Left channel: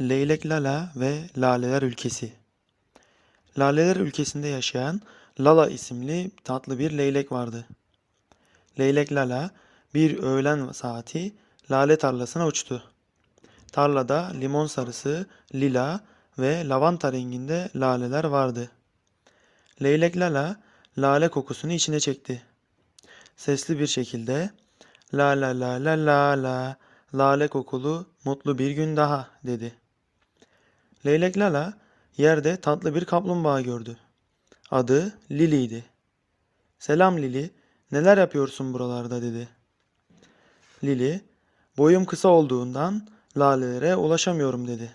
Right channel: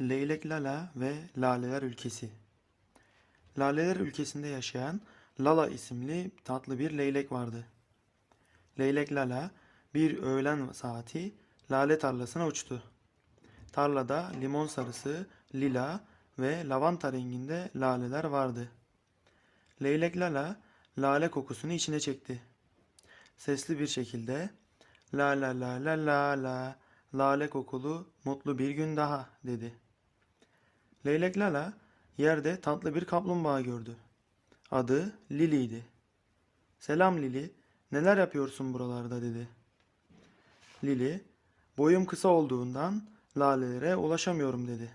Leylek Lala ve Laleler Ülkesi. Laleler ülkesinde yaşayan Lala isimli tatlı bir leylek vardı. Leylek Lala bir öğlen saati lale tarlasına uçtu. Tarlada limon sarısı, lila ve lavanta renginde laleler vardı. Leylek Lala lale kokusunu içine çekti. Sesli bir şekilde la la la la la la lale kokulu mutlu bir gün daha dedi. Leylek Lala yerde tatlı bir kaplumbağa gördü. Adı Lili'ydi. Selam Lili, neler yapıyorsun buralarda dedi. Lili, boyum kısa olduğundan lalelere ulaşamıyorum dedi.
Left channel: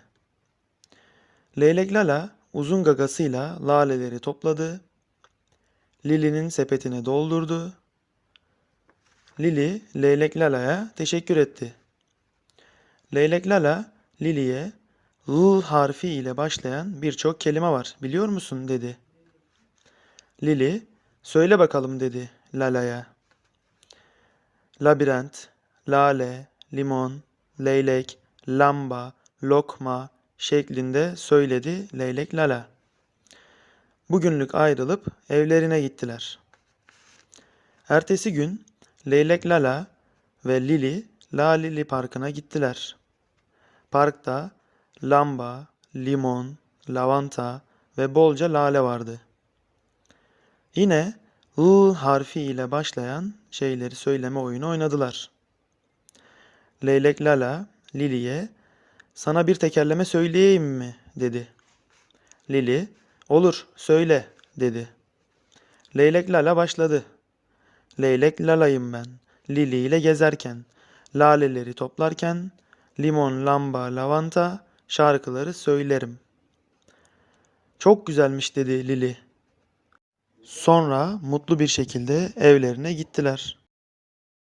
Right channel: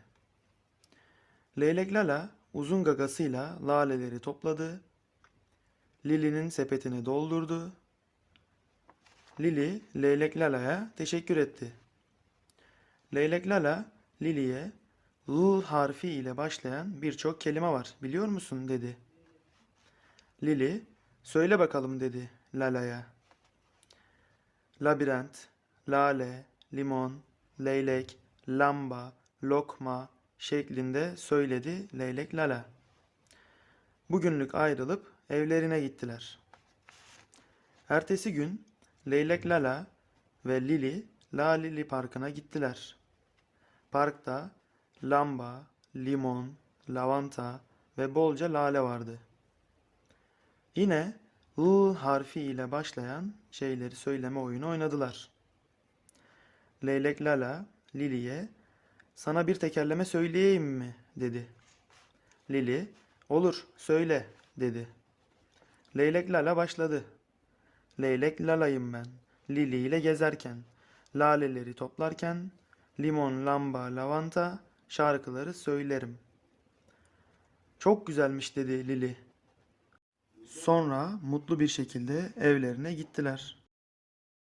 Leylek Lala uzun gagasıyla laleleri topladı. Lili'nin sepetine doldurdu. Lili, Leylek Lala'ya teşekkür etti. Leylek Lala, Lili'ye L harfi ile başlayan birçok kelime var biliyor musun dedi. Lili, söyle bakalım dedi Lala'ya. Labirent, lale, limon, leylek, lamba, lokma şeklinde söyledi Leylek Lala. Bugünlük ayrılıp evlerine gittiler. Ertesi gün Leylek Lala ve Lili Lalili Parkı'na gittiler. Parkta lamba, limon, lavanta ve bolca lale vardı. Yine L harfi ile başlayan şeyleri söyleme oyunu oynadılar. Leylek Lala Lili'ye sana bir tekerleme söyleyeyim mi dedi. Lili olur söyle dedi. Leylek Lala başladı. Leylek Lala'yım ben. Lili ile gezerken, laleleri toplarken, limon, lamba, lavanta şarkıları söylerim. Çok güzelmiş dedi Lili. Sonra mutlu bir şekilde evlerine gittiler.